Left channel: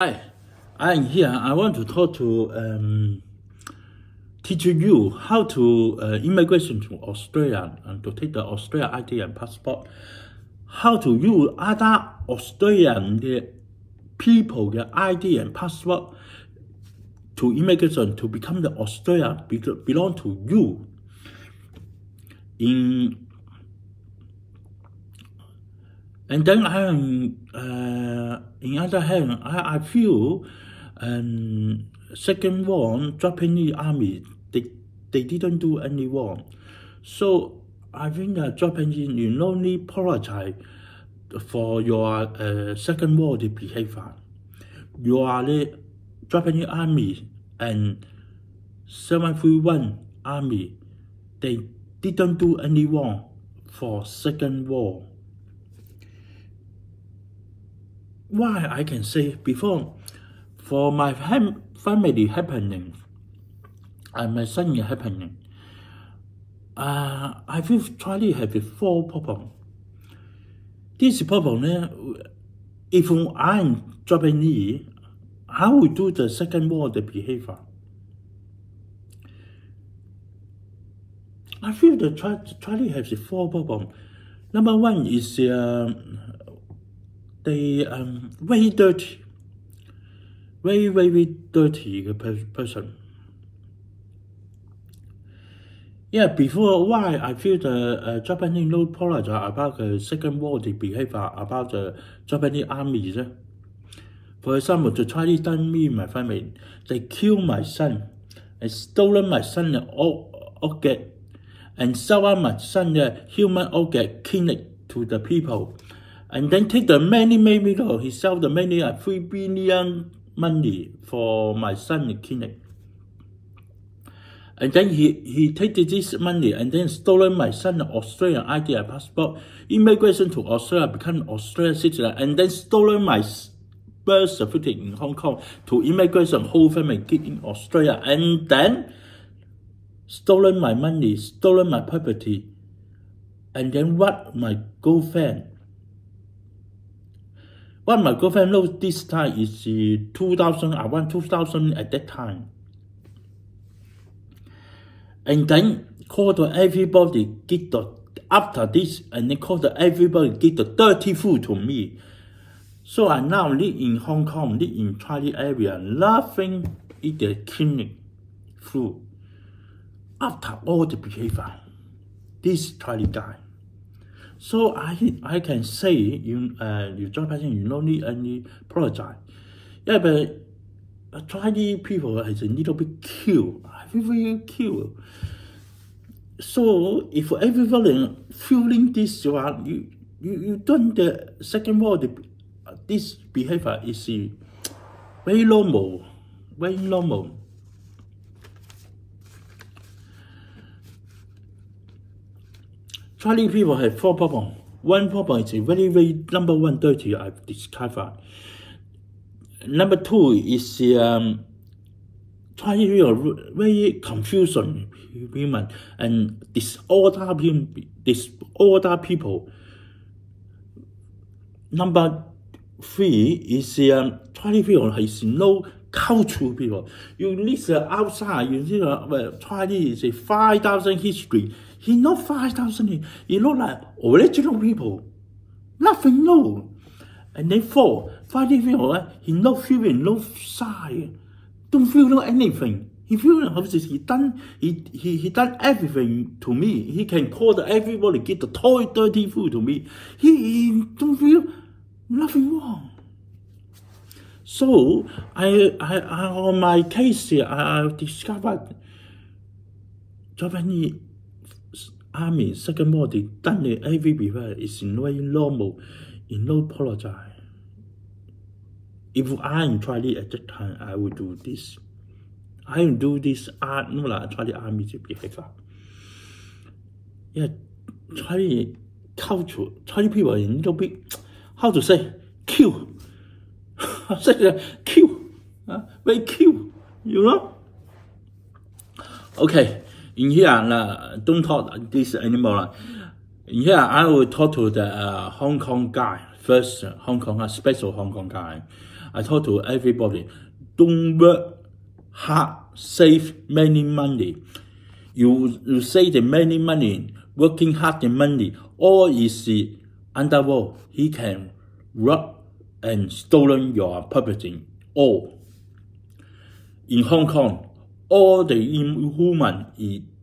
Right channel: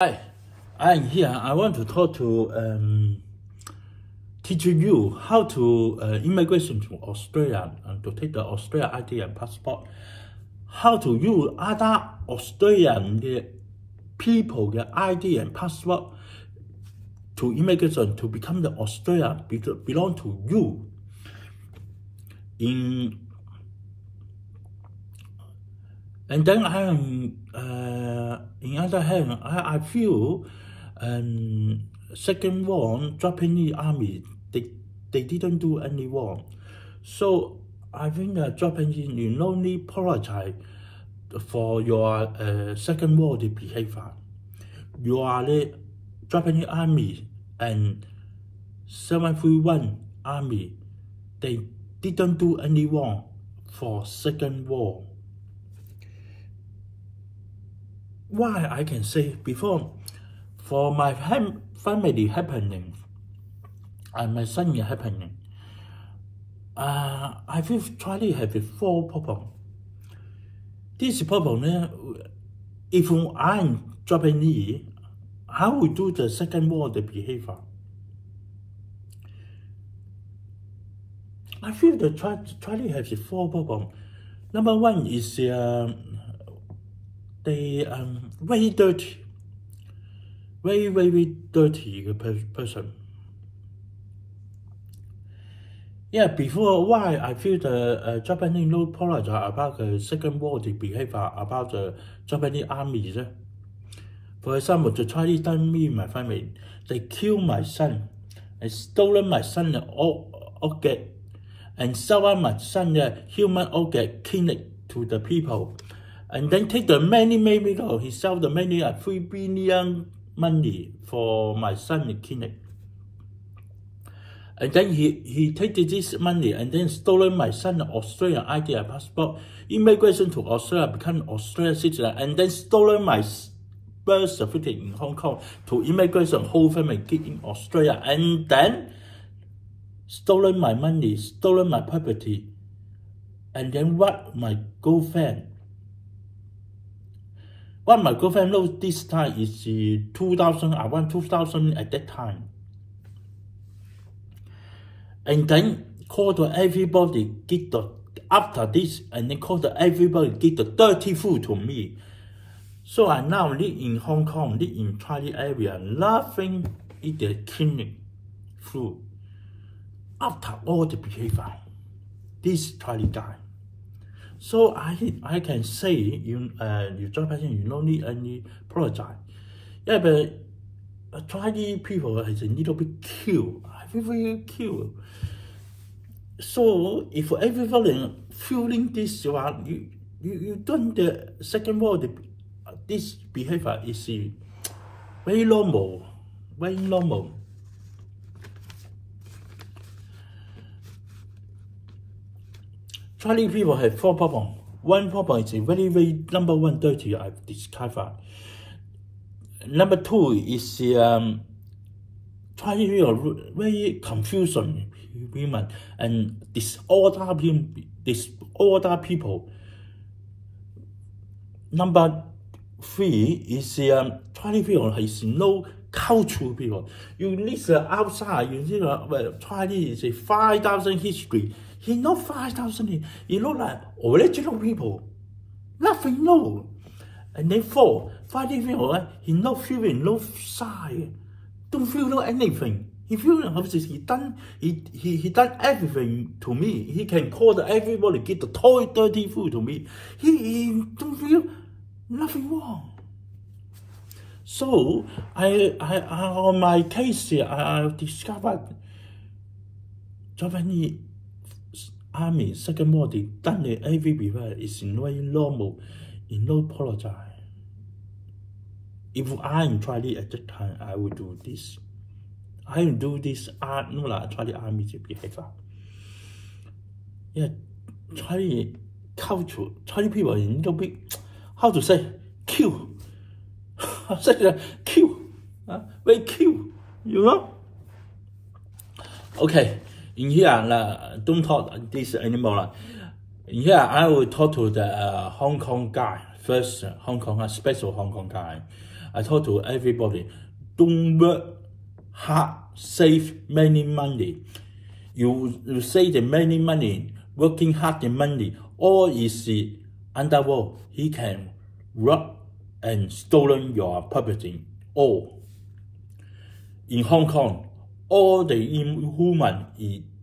Hi, I'm here. I want to talk to teaching you how to immigration to Australia and to take the Australia ID and passport. How to use other Australian people the ID and passport to immigration to become the Australia belong to you. And then in other hand, I feel second war, Japanese army, they didn't do any wrong. So I think Japanese, you no need apologize for your second war behavior. You are the Japanese army and 731 army. They didn't do any wrong for second war. Why I can say before, for my family happening, and my son happening, I feel Charlie have four problems. This problem, if I'm Japanese, how we do the second war the behavior? I feel that Charlie has four problems. Number one is they very dirty, very dirty person. Yeah, before why I feel the Japanese no apologize about the second war the behavior about the Japanese army. For example, the Chinese done me and my family, they killed my son, and stolen my son object, and sell my son human object clinic to the people. And then take the many he sell the many 3 billion money for my son clinic. And then he take this money and then stolen my son Australian ID and passport, immigration to Australia, become Australian citizen, and then stolen my birth certificate in Hong Kong to immigration, whole family get in Australia, and then stolen my money, stolen my property, and then what my girlfriend. What my girlfriend knows this time is 2000, around 2000 at that time. And then call to everybody get the, after this, and then call to everybody get the dirty food to me. So I now live in Hong Kong, live in Chinese area, laughing eat the clinic food. After all the behavior, this Chinese guy. So I can say you Japanese you don't need any apologize. Yeah, but Chinese people is a little bit cute. I feel very cute. So if everybody feeling this one, you done the second war, this behavior is very normal, very normal. Chinese people have four problems. One problem is very number one dirty I've discovered. Number two is Chinese people very confusion women and disorder people. Number three is Chinese people has no cultural people. You listen outside, you see Chinese is 5,000 history. He not 5,000. He look like original people. Nothing new. And then four, Chinese people, he no feeling, no side. Don't feel no anything. He feel he done everything to me. He can call everybody get the toy dirty food to me. He don't feel nothing wrong. So I on my case here, I discovered Japanese army second war they done the every behavior is very normal, in no apologize. If I'm Charlie at that time, I will do this. I will do this Charlie army behavior. Yeah, Charlie culture, Charlie people is a little bit, how to say, cute. Say cute, very cute, you know. Okay, in here don't talk this anymore. In here I will talk to the Hong Kong guy first. Hong Kong, special Hong Kong guy. I talk to everybody. Don't work hard, save many money. You save the many money, working hard the money, or is the underworld. He can rob and stolen your property. All in Hong Kong, all the human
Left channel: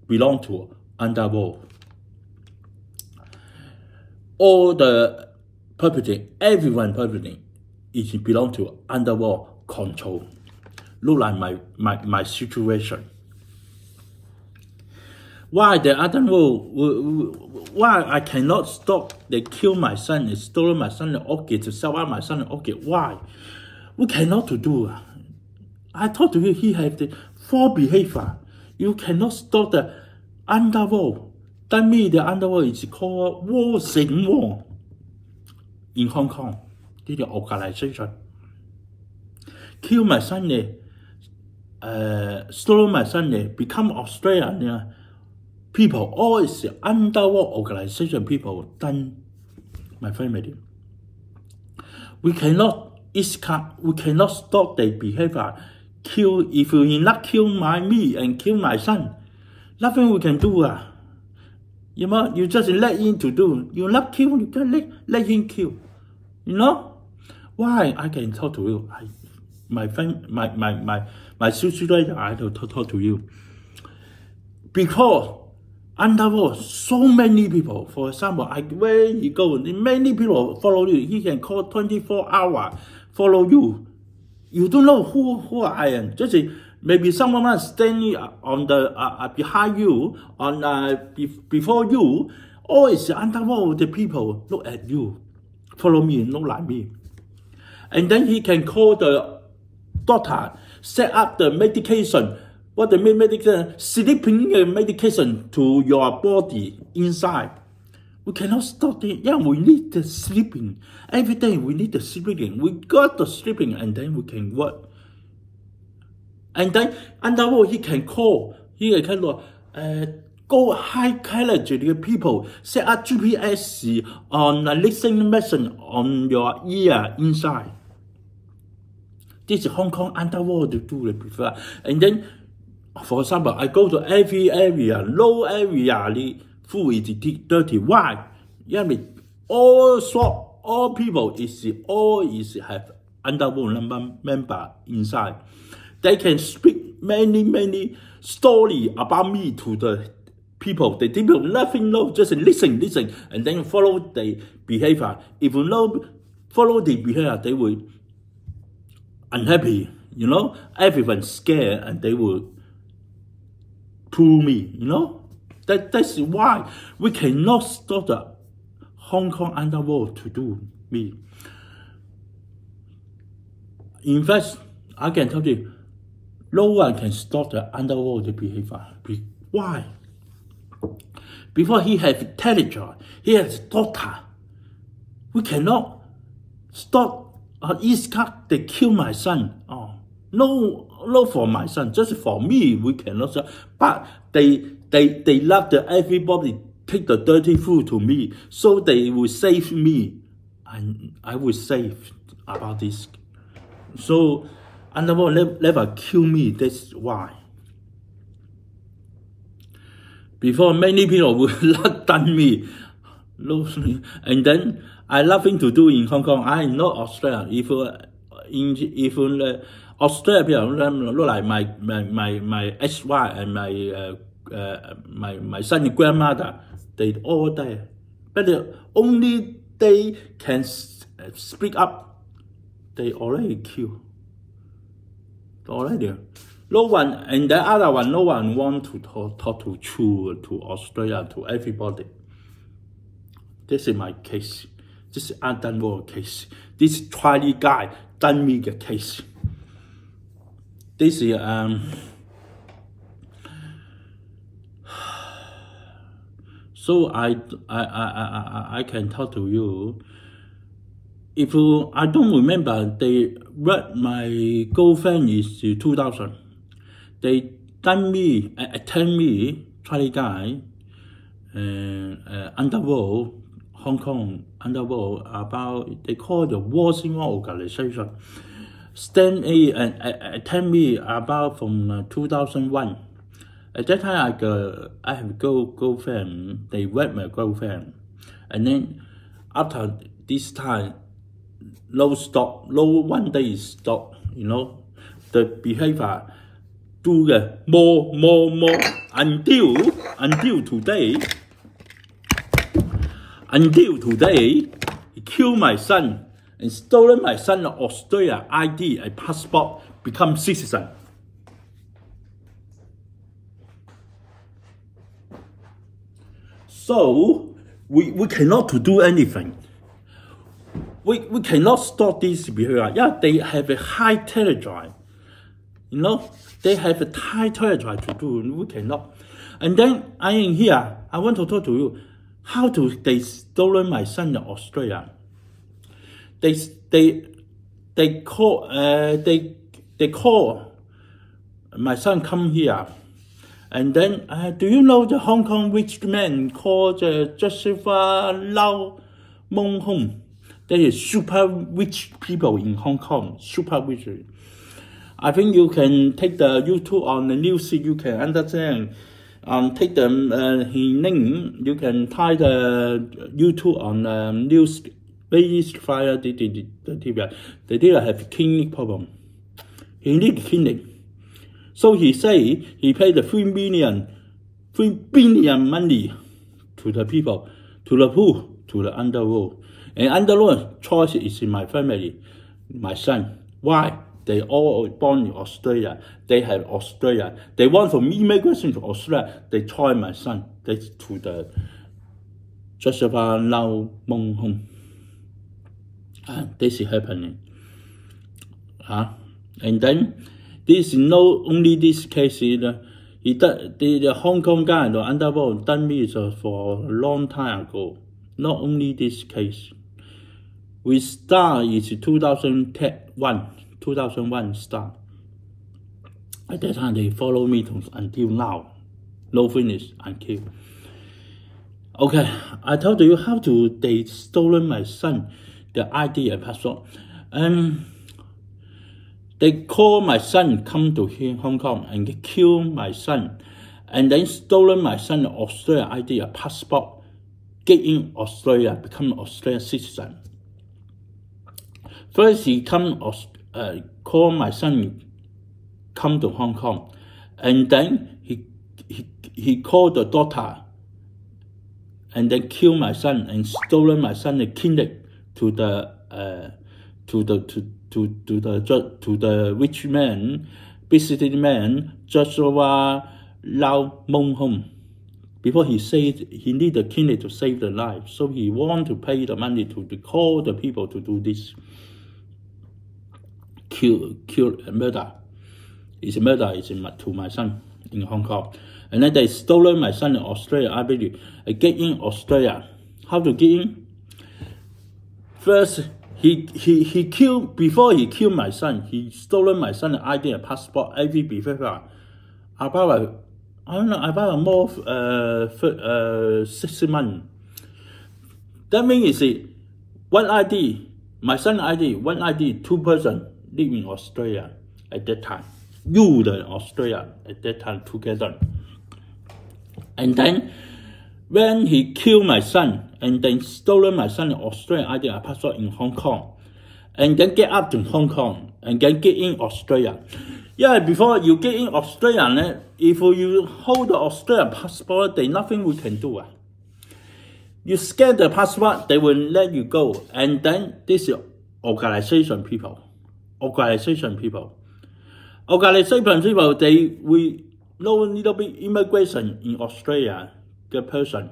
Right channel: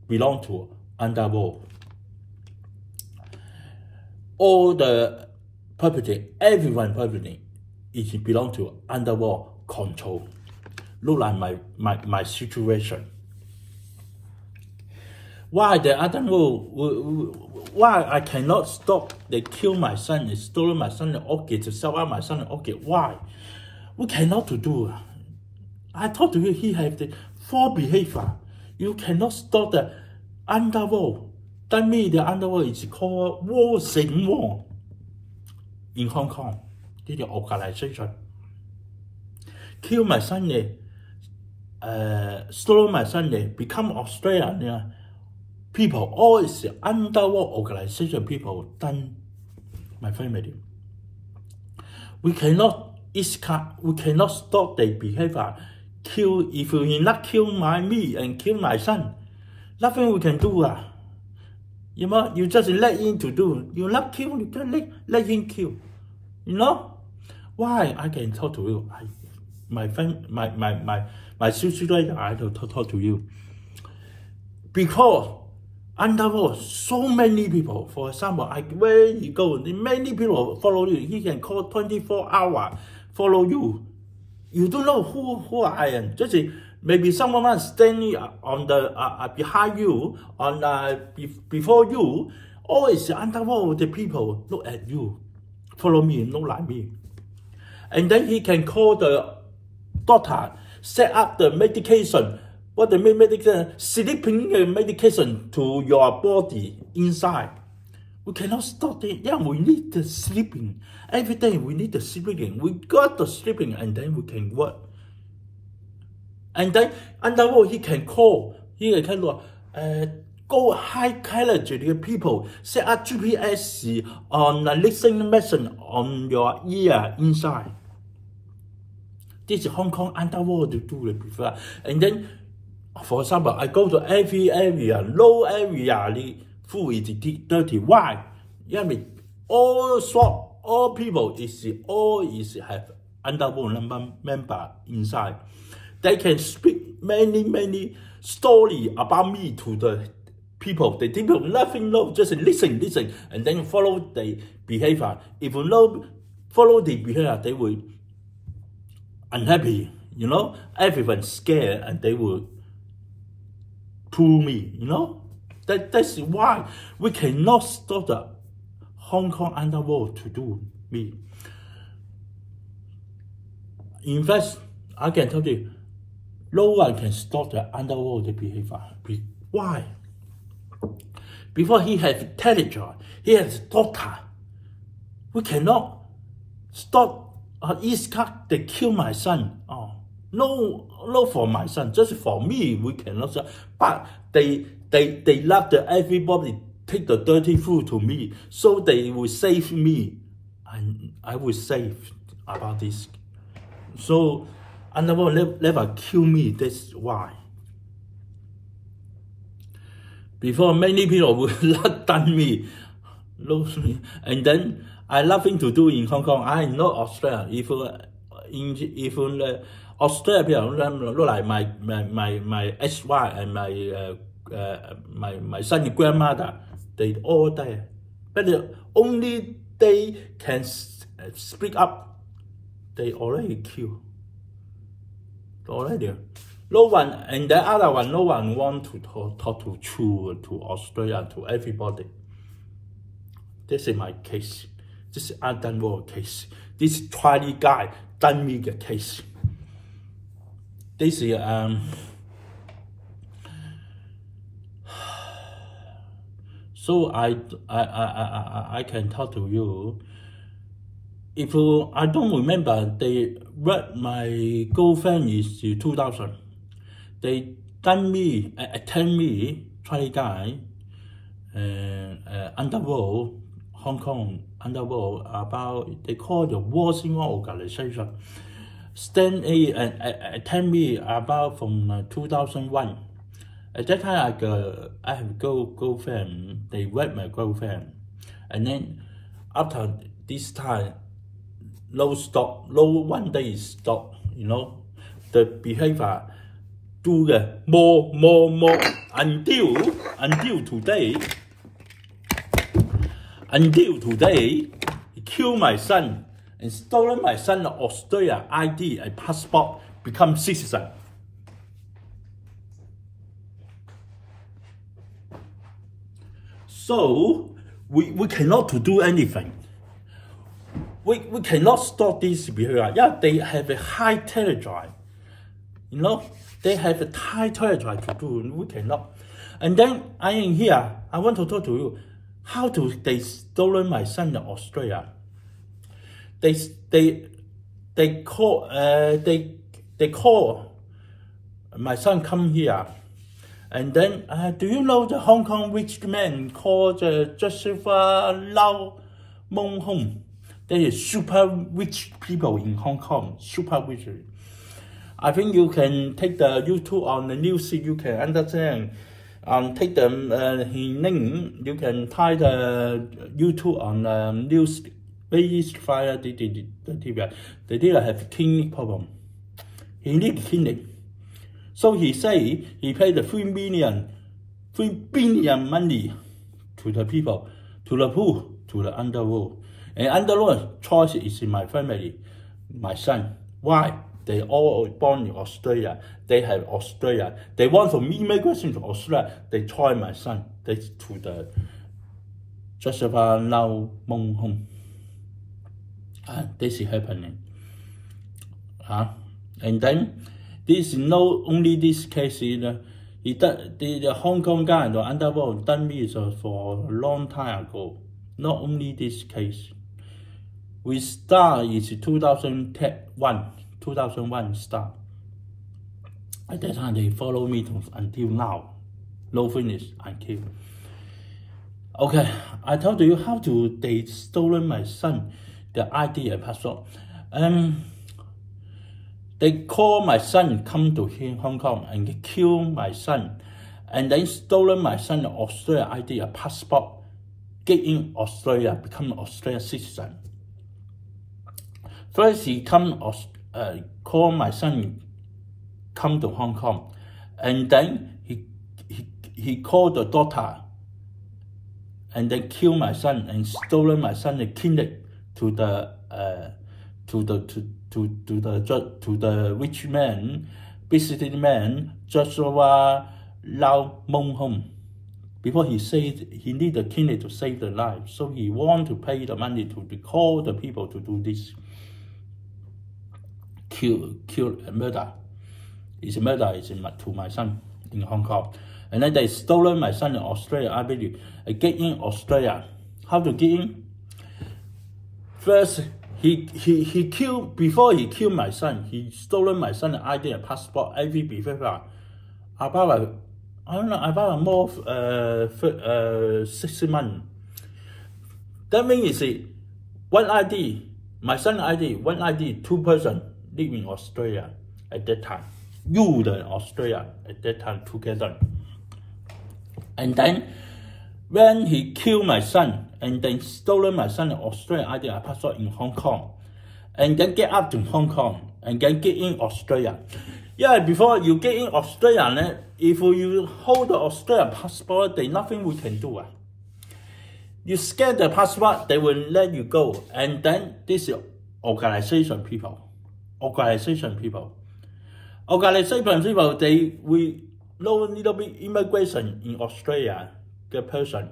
belong to underworld. All the property, everyone property, is belong to underworld control. Look like my situation. Why the underworld? Why I cannot stop? They kill my son, they stole my son, the orchid, to sell out my son the orchid. Why? We cannot to do. I talk to you. He have the 4 behaviour. You cannot stop the underworld. That means the underworld is called War Sing War in Hong Kong. This is the organization. Kill my son, stole my son, become Australian people. All is the underworld organization people done my family. We cannot stop their behavior. If you not kill me and kill my son, nothing we can do. You know, you just let him to do. You not kill, you can let him kill. You know? Why I can talk to you? My friend, my sister, I have to talk to you. Because underworld, so many people. For example, where you go, many people follow you. He can call 24 hours, follow you. You don't know who I am. Just maybe someone standing on the behind you, before you. Always the underworld, the people look at you, follow me, not like me. And then he can call the doctor, set up the medication. What the medication? Sleeping medication to your body inside. We cannot stop it. Yeah, we need the sleeping. Every day we need the sleeping. We got the sleeping and then we can work. And then underworld he can call. He can go high quality people. Set up GPS on the listening machine on your ear inside. This is Hong Kong underworld to do it before. And then, for example, I go to every area, low area, the food is dirty. Why? Yeah, I mean, all people is have underworld member inside. They can speak many story about me to the people. The people nothing know, just listen, and then follow the behavior. If you know, follow the behavior, they will unhappy. You know, everyone's scared, and they will pull me. You know. That's why we cannot stop the Hong Kong underworld to do me. In fact, I can tell you, no one can stop the underworld behavior. Why? Before he has intelligence, he has doctor. We cannot stop East Coast, they kill my son. Oh, no for my son, just for me, we cannot stop. But they love everybody take the dirty food to me, so they will save me, and I will save about this. So underworld never kill me. That's why. Before many people will not done me, and then I nothing to do in Hong Kong. I am not Australia. If Australia people look like my ex-wife and my son's grandmother, they all there. But only they can speak up. They already killed. Already. No one, and the other one, no one want to talk to Chu, to Australia, to everybody. This is my case. This is underworld case. This Chinese guy done me the case. This is so I can talk to you. If I don't remember, they read my girlfriend is 2000. They done me, attend me, Chinese guy, underworld, Hong Kong underworld, about, they call the War Sing War organization. stand A and attend me about from 2001. At that time, I have girlfriend. They wed my girlfriend, and then after this time, no one day stop. You know, the behavior do the more until today. Until today, he killed my son and stolen my son's Australia ID and passport, become citizen. So we cannot to do anything. We cannot stop this behavior. Yeah, they have a high territory. You know, they have a high territory to do. We cannot. And then I am here. I want to talk to you. How they stolen my son in Australia? They call my son come here. And then, do you know the Hong Kong rich man called Joseph Lau Mong Hong? They are super rich people in Hong Kong, super rich. I think you can take the YouTube on the news, you can understand. Take the his name, you can type the YouTube on news. Very fire the dealer have kidney problem. He need kidney. So he say he paid the 3 billion money to the people, to the poor, to the underworld. And underworld choice is in my family, my son. Why? They all born in Australia. They have Australia. They want from immigration to Australia. They try my son. They to the Joseph Lau Mong Hong. This is happening. And then this is not only this case. The Hong Kong guy, the underworld, done me for a long time ago. Not only this case. We start is 2001 start. At that time they follow me until now. No finish until. Okay, I told you how they stolen my son, the ID and passport. They call my son come to Hong Kong and kill my son, and then stolen my son Australia ID and passport, get in Australia, become Australian citizen. First he call my son come to Hong Kong, and then he called the daughter, and then kill my son and stolen my son and kidnap to the rich man, visiting man, Joshua Lau Mong Hong. Before he said he need the kidney to save the life, so he want to pay the money to call the people to do this. Kill murder. It's a murder to my son in Hong Kong. And then they stolen my son in Australia. I believe get in Australia. How to get in? First, he killed, before he killed my son, he stolen my son's ID and passport, every behavior. About more 6 months. That means one ID, my son's ID, one ID, 2 persons live in Australia at that time. You in Australia at that time together. And then when he killed my son and then stolen my son's Australian ID and passport in Hong Kong, and then get up to Hong Kong and then get in Australia. Yeah, before you get in Australia, if you hold the Australian passport, there's nothing we can do. You scan the passport, they will let you go. And then this is organization people, they will know a little bit immigration in Australia, the person.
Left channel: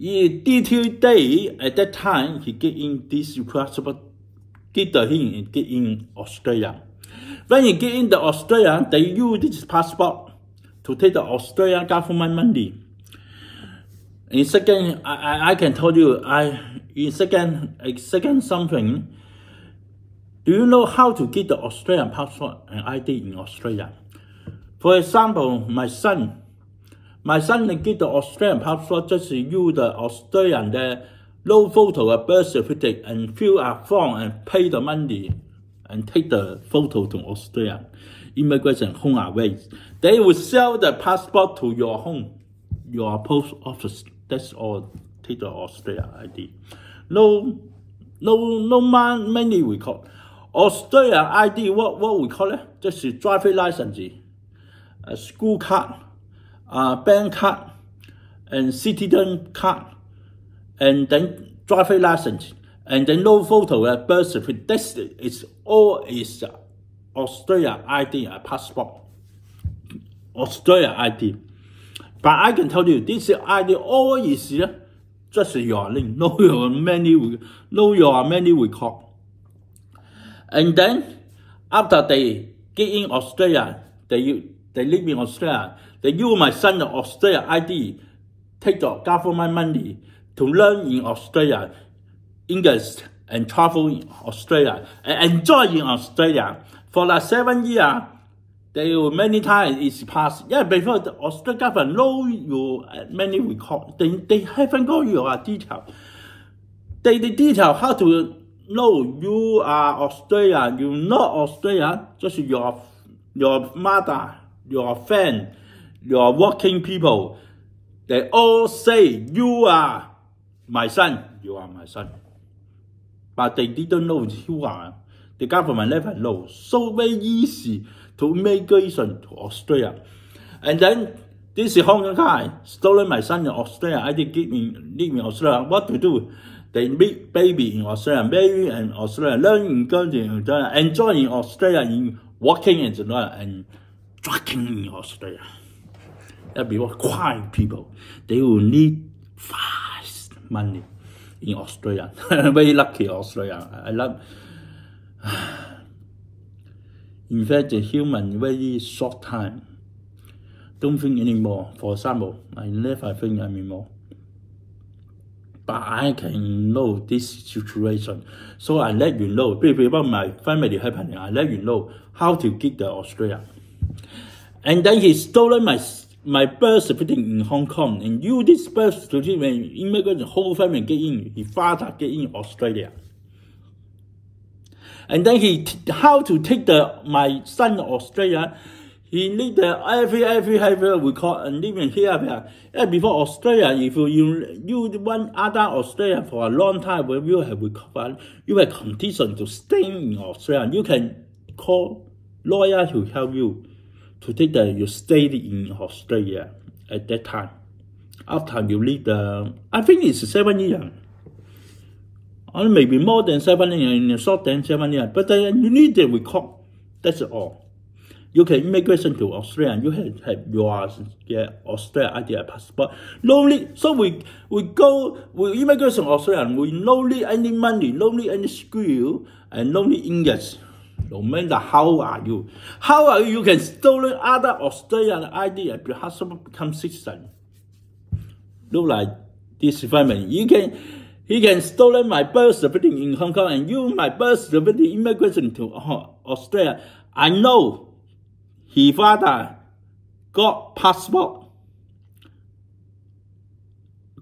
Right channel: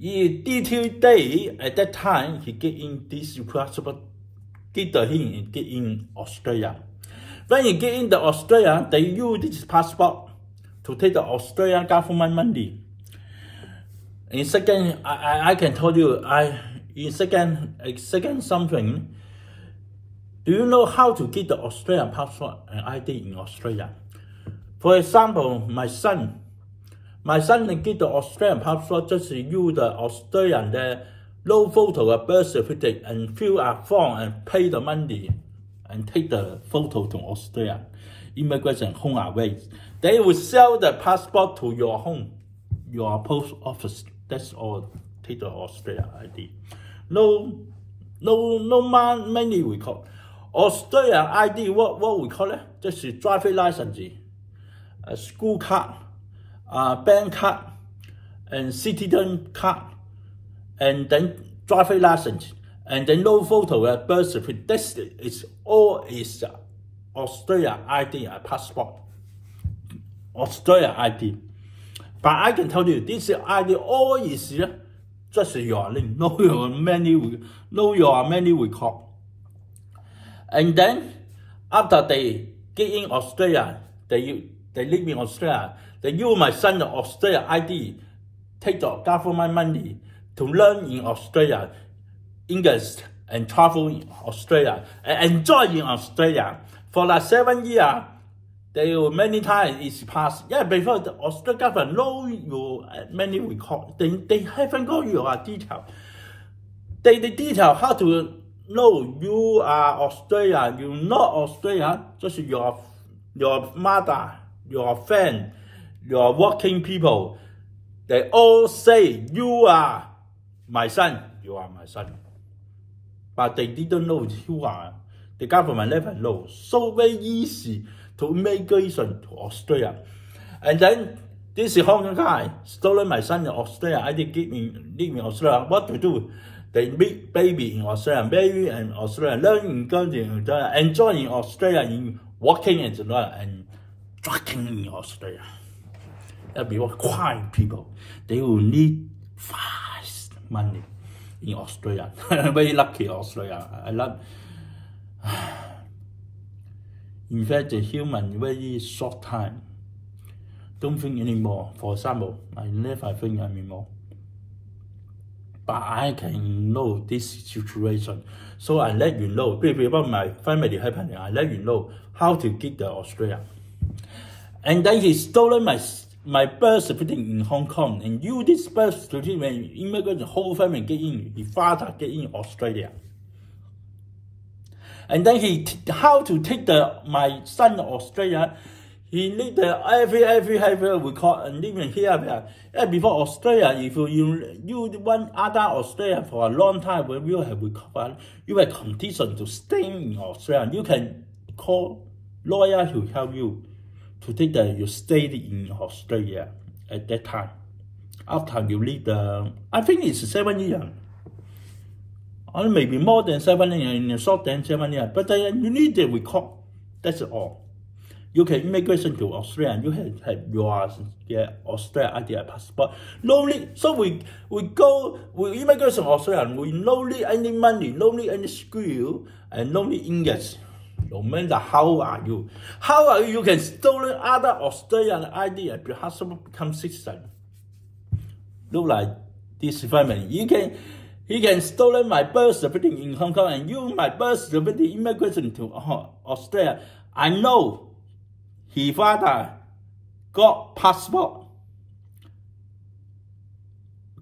In detail day, at that time, he get in this passport, get in Australia. When you get in the Australia, they use this passport to take the Australian government money. In second, I can tell you, in second something, do you know how to get the Australian passport and ID in Australia? For example, my son get the Australian passport, just use the Australian no photo, a birth certificate, and fill a form and pay the money. and take the photo to Australia. Immigration home away. They will sell the passport to your home, your post office. That's all. Take the Australia ID. No money we call. Australia ID, what we call it? Just a driving license, a school card, bank card, and citizen card, and then driving license, and then no photo, birth certificate. This is all is Australia ID, passport. Australia ID. But I can tell you, this ID all is just your name, no your many record. And then after they get in Australia, they live in Australia, they use my son Australia ID, take the government money to learn in Australia English and travel in Australia and enjoy in Australia. For like 7 years, they will many times it's passed. Yeah, before the Australian government know your many record, they haven't got your detail. They detail how to know you are Australian, you're not Australian, just your mother, your friend, your working people. They all say you are my son, you are my son. But they didn't know you are. The government never knows. So very easy to immigration to Australia. And then this Hong Kong guy stolen my son in Australia. I did live in Australia. What to do? They meet baby in Australia, baby in Australia, learning in Australia, enjoying Australia, in working in Australia, and drugging in Australia. That be what quiet people. They will need fast money in Australia. Very lucky Australia. I love. In fact, the human very short time. Don't think anymore. For example, I never think anymore. But I can know this situation. So I let you know. Before my family happening, I let you know how to get to Australia. And then he stolen my birth certificate in Hong Kong. And use this birth certificate when immigrant, the whole family get in. His father get in Australia. And then how to take my son to Australia. He need every record and living here. Before Australia, if you want other Australia for a long time, when you have recovered, you have condition to stay in Australia. You can call lawyer to help you to take you stay in Australia at that time. After you leave I think it's 7 years. Or maybe more than 7 years, short than 7 years. But you need the record. That's all. You can immigration to Australia and you have your Australia ID passport. So we go we immigration to Australia and we no need any money, no need any skill, and no need English. No matter how are you. How are you can stolen other Australian ID and become citizen. Look like this family. He can stolen my birth certificate in Hong Kong and use my birth certificate immigration to Australia. I know his father got passport,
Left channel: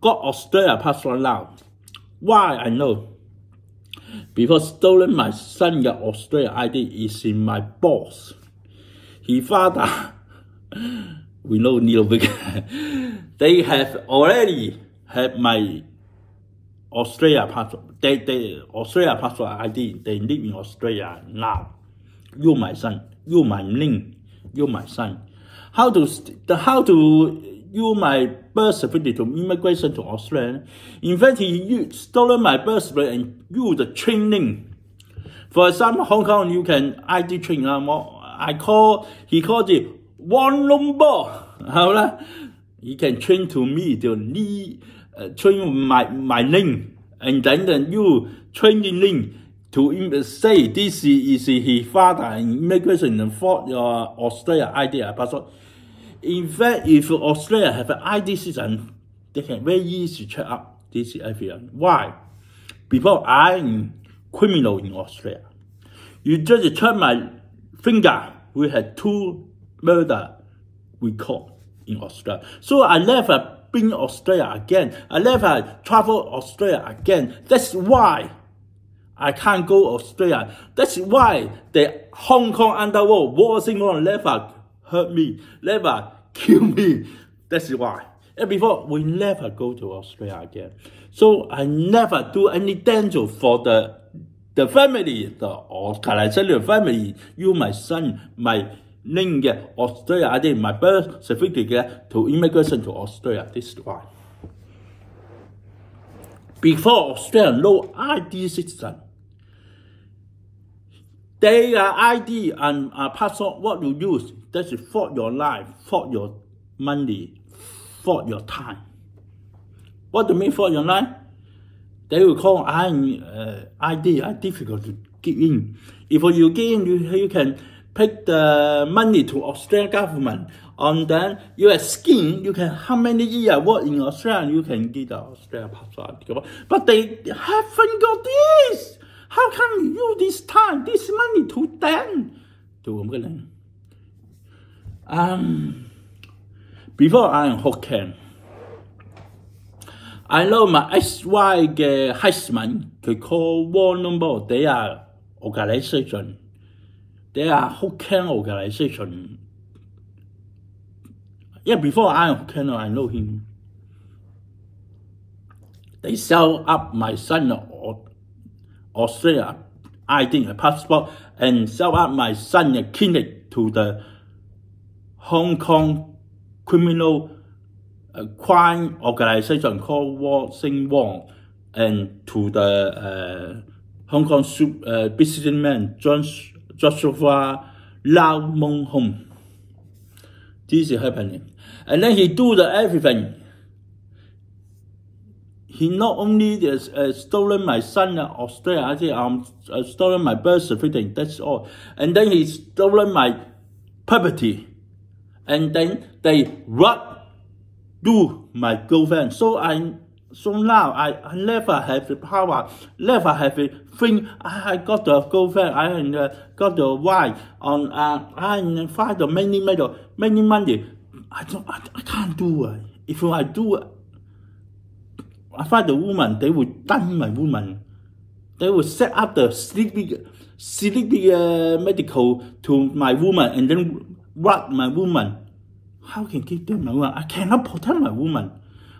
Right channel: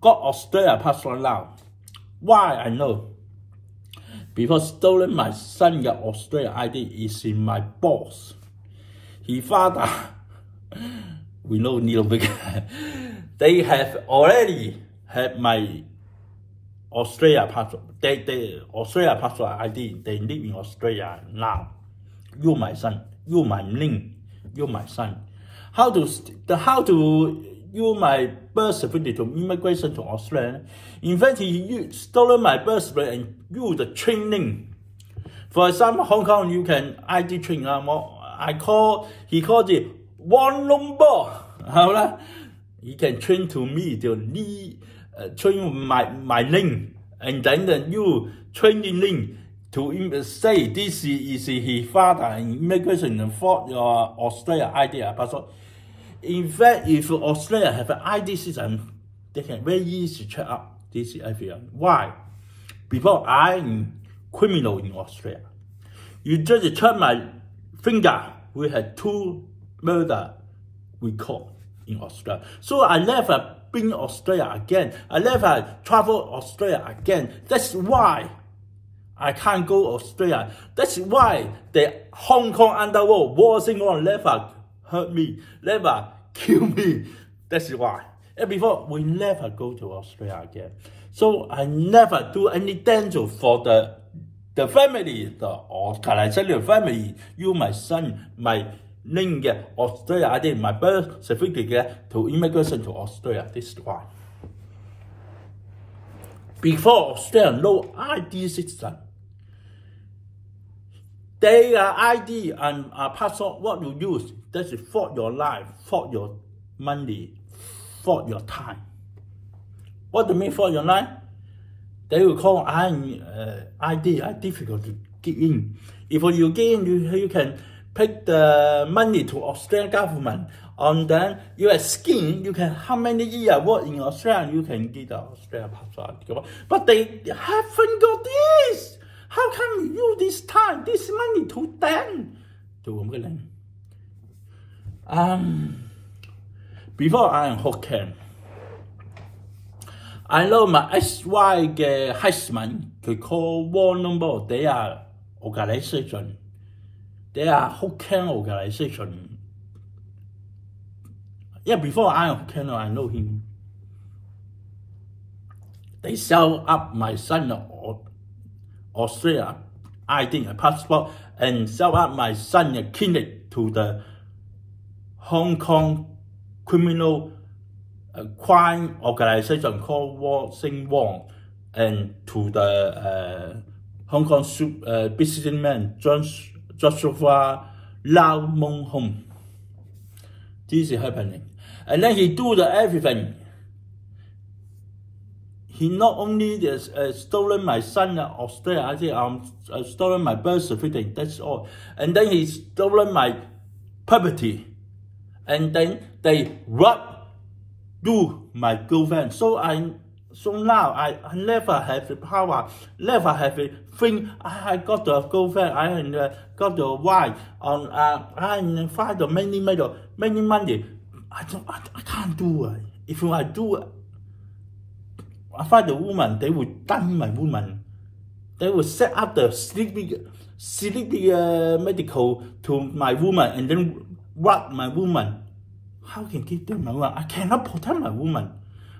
got Australia passport now. Why I know? Because stolen my son's Australia ID is in my boss. His father, we know Neil Big. They have already had my Australia passport. They Australia passport ID. They live in Australia now. You my son. You my name. You my son. How to use my birth certificate to immigration to Australia? In fact, he stolen my birth certificate and use the training. For example, Hong Kong, you can ID train. He called it one number. How he can train to me to train my name, and then you train the name to say this is his father and immigration for your Australia ID passport. In fact, if Australia have an ID system, they can very easy check out this everyone. Why? Because I'm criminal in Australia. You just check my finger. We had 2 murder record in Australia. So I never been Australia again. I never travel Australia again. That's why I can't go Australia. That's why the Hong Kong underworld, Sing Wong never hurt me, never kill me. That's why. And before, we never go to Australia again. So I never do any danger for the family, the organization family. You, my son, my name, Australia, I did my birth certificate to immigration to Australia. This is why. Before Australia, no ID citizen. Their ID and passport, what you use, that's for your life, for your money, for your time. What do you mean for your life? They will call ID, difficult to get in. If you get in, you can pick the money to Australian government. And then you have skin, you can, how many years work in Australia, you can get the Australian passport. But they haven't got this. How can you this time, this money to them? Before I am Hokkien, I know my XY husband, they call war number, they are organization. They are Hokkien organization. Yeah, before I am Hokkien, I know him. They sell up my son Australia ID, a passport, and sell up my son a clinic to the Hong Kong criminal crime organization called Sing Wong, and to the Hong Kong businessman Joshua Lau Mong Hong. This is happening. And then he do everything. He not only stolen my son Australia, I think stolen my birth certificate, that's all. And then he stolen my property. And then they do my girlfriend. So now I never have the power, never have the thing. I got the girlfriend, I got the wife, I find the many money. I can't do it. If I do it, I find the woman, they will done my woman. They will set up the sleepy medical to my woman and then rob my woman. How can I get my woman? I cannot protect my woman.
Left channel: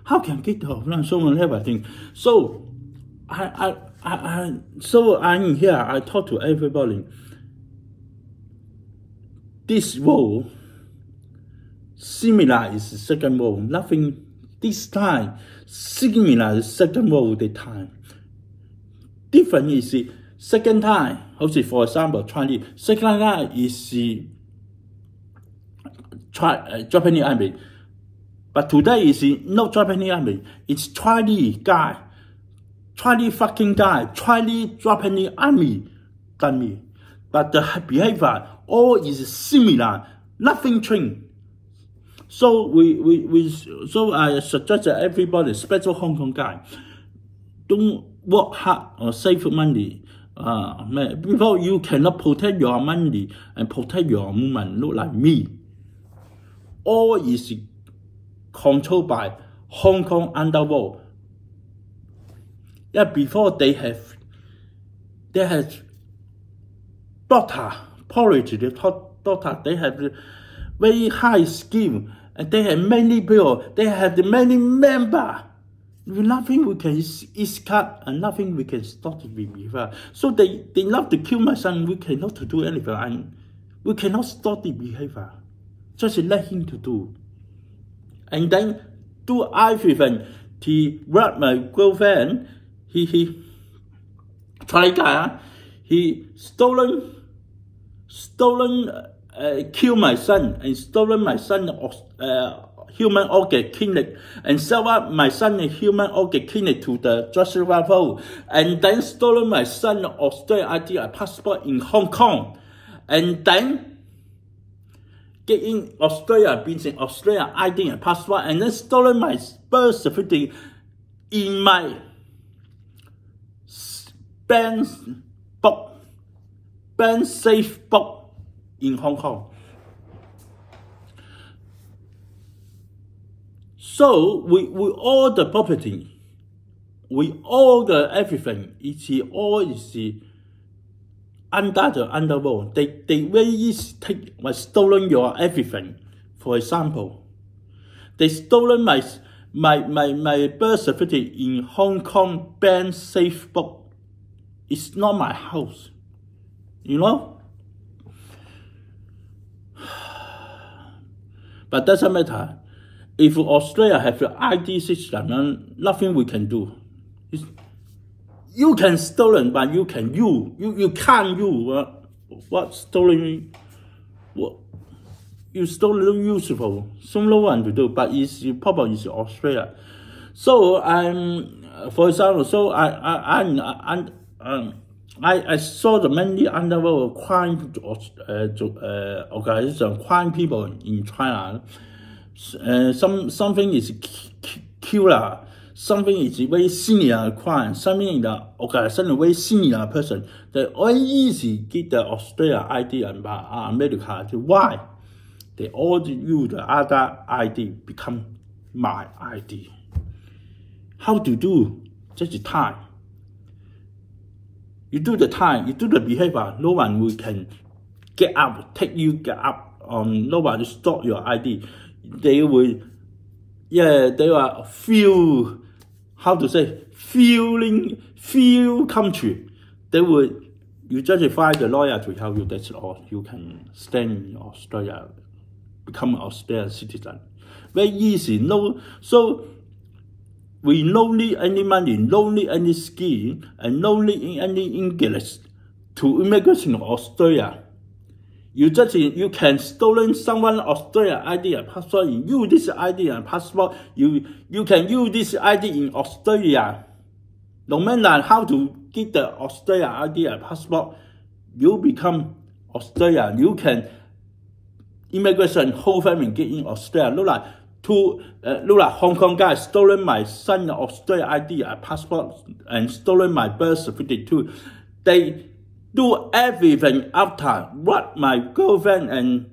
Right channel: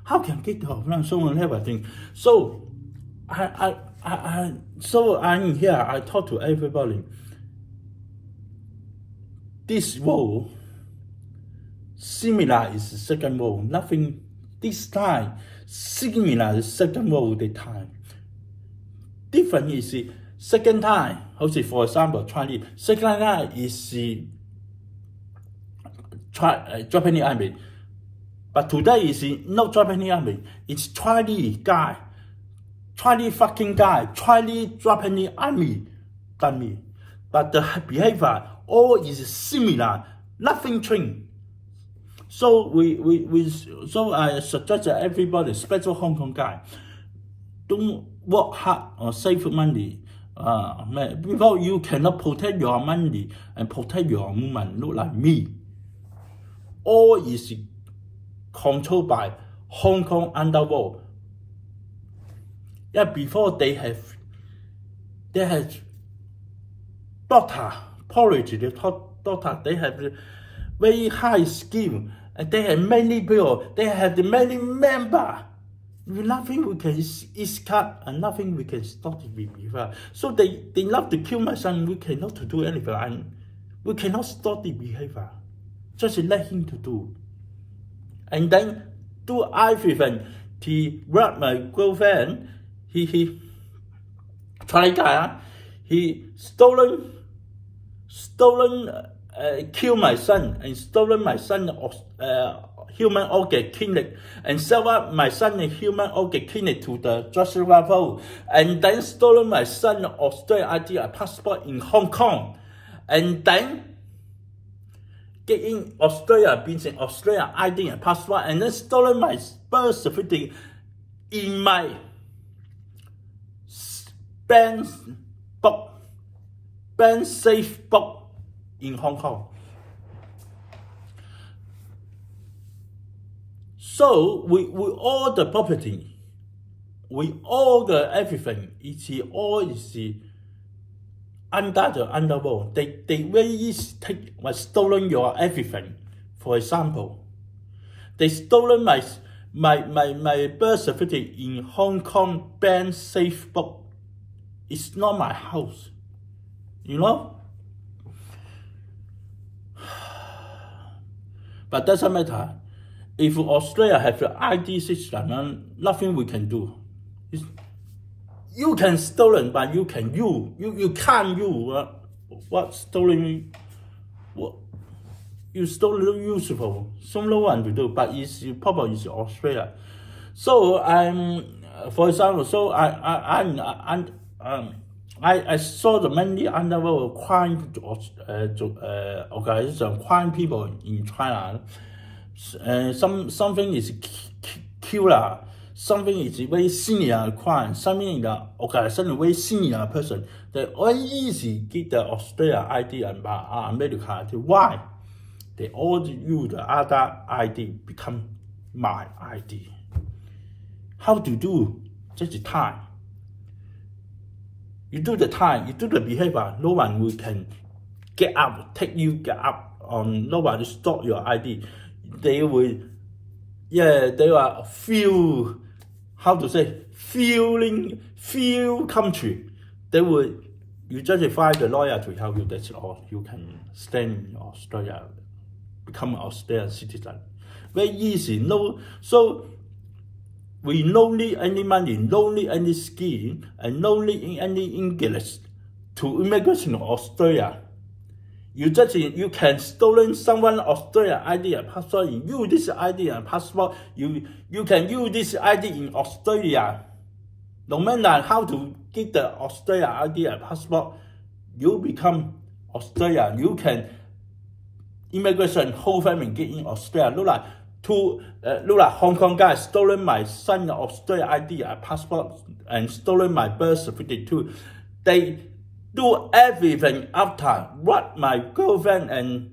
How can I get her? So on everything. So I'm here. I talk to everybody. This role similar is the second role. Nothing this time similar is second role the time. Different is the second time. Also, for example, Chinese. Second time is the Japanese army. But today is not Japanese army. It's Chinese guy. Chinese fucking guy. Chinese Japanese army done me. But the behavior all is similar. Nothing changed. So so I suggest everybody, especially Hong Kong guy, don't work hard or save money. Before you cannot protect your money and protect your woman, look like me. All is controlled by Hong Kong underworld. Yeah, before they have doctor, policy, doctor, they have very high skill, and they have many people, they have many members. Nothing we can escape and nothing we can stop the behavior. So they love to kill my son. We cannot do anything. And we cannot stop the behavior. Just let him to do. And then do everything. He robbed my girlfriend. He try guy. He stolen, kill my son and stolen my son human organ clinic and sell up my son human organ clinic to the Joshua Lau, and then stolen my son Australian ID passport in Hong Kong, and then get in Australia, being an Australian ID and passport, and then stolen my birth certificate in my bank safe book in Hong Kong. So we all the property we all the everything, all is under the underworld. They very easy take stolen your everything. For example, they stolen my birth certificate in Hong Kong bank safe book. It's not my house, you know. But doesn't matter. If Australia have the ID system, nothing we can do. You can stolen, but you can you can't what stolen. What you stolen useful. So no one to do, but it's probably is Australia. So for example, so I saw the many underworld crime organization, crime people in China. Something is killer, something is very senior crime, something in the organization very senior person. They all easy get the Australia ID and America. Why? They all use the other ID become my ID. How to do? Just the time. You do the time, you do the behavior, no one will can get up, take you get up no one will stop your ID. They will, they will feel, how to say, feel country. They will, you just find the lawyer to help you, that's all. You can stay in Australia, become an Australian citizen. Very easy, no, so we no need any money, no need any skill, and no need any English to immigration to Australia. You can stolen someone Australia ID and passport. You use this ID and passport. You can use this ID in Australia. No matter how to get the Australia ID and passport, you become Australian. You can immigration whole family get in Australia. Look like Hong Kong guy stolen my son Australia ID and passport and stolen my birth certificate too. They do everything after what my girlfriend and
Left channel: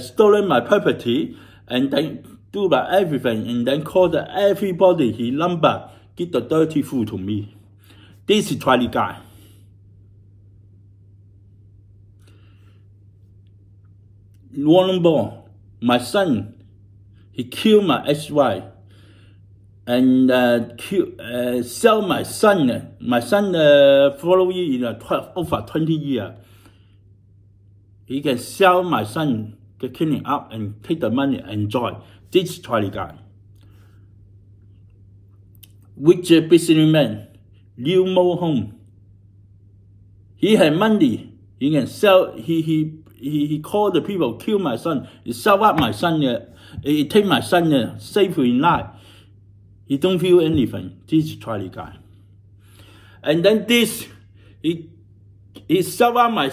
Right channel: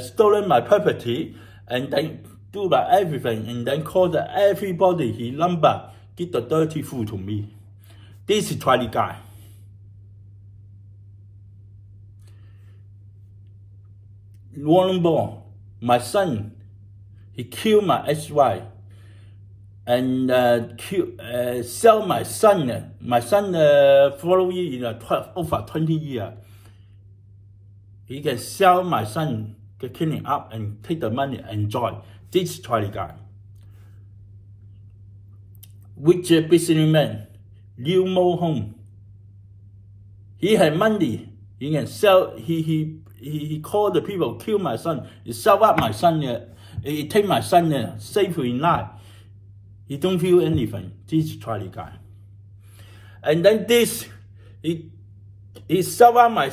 stolen my property, and then do everything, and then call everybody his number, get the dirty food to me. This is Chinese guy. Rong, my son, he killed my ex-wife and sell my son. My son following in over 20 years. He can sell my son, get cleaning up and take the money and enjoy. This Chinese guy. Which businessman, Liu Mo Hong. He had money. He can sell. He called the people, kill my son. He sell up my son. He take my son. Save in life. He don't feel anything. This Chinese guy. And then this, he sell up my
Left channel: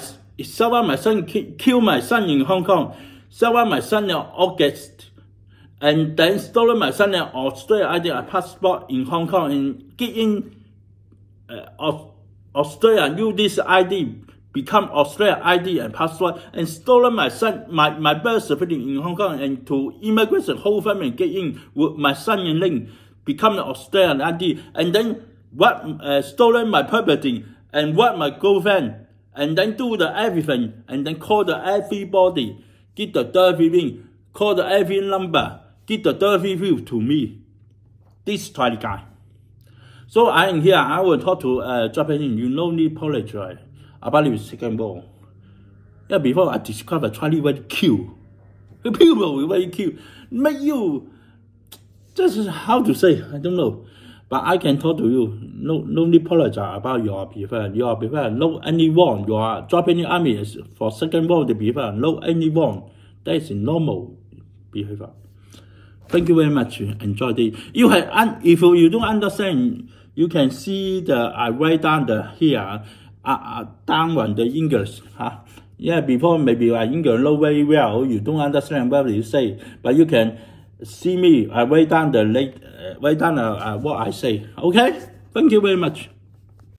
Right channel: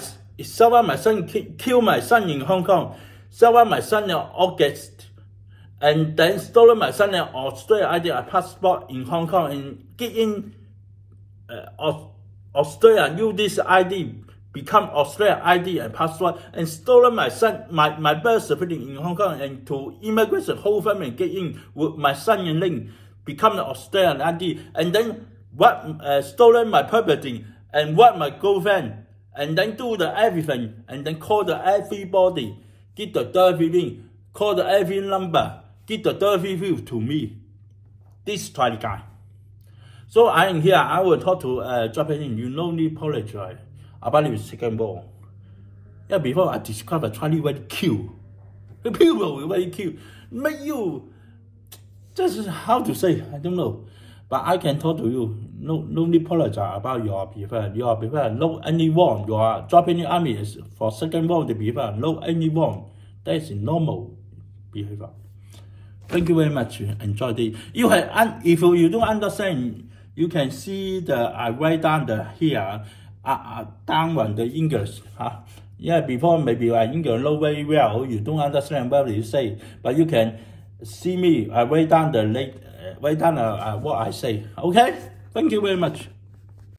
son. Kill my son in Hong Kong. Sell up my son in August. And then stolen my son in Australia ID passport in Hong Kong and get in Australia. Use this ID. Become Australia ID and passport, and stolen my son, my birth certificate in Hong Kong, and to immigration whole family get in with my son and link, become the Australian ID, and then stolen my property and what my girlfriend, and then do the everything, and then call the everybody, get the dirty ring, call the every number, get the dirty view to me. This Chinese guy. So I am here. I will talk to Japanese. You no need apologize about the second ball. Yeah, before I discovered Chinese very cute. The people were very cute. Make you, this is how to say, I don't know. But I can talk to you. No need apologize about your behavior. Your behavior, no any wrong. Your Japanese army is for second ball the behavior, no any wrong. That is normal behavior. Thank you very much. Enjoy it. If you don't understand, you can see I write down here. Down on the English, yeah, before maybe English know very well, you don't understand what you say, but you can see me. I write down what I say. Okay, thank you very much.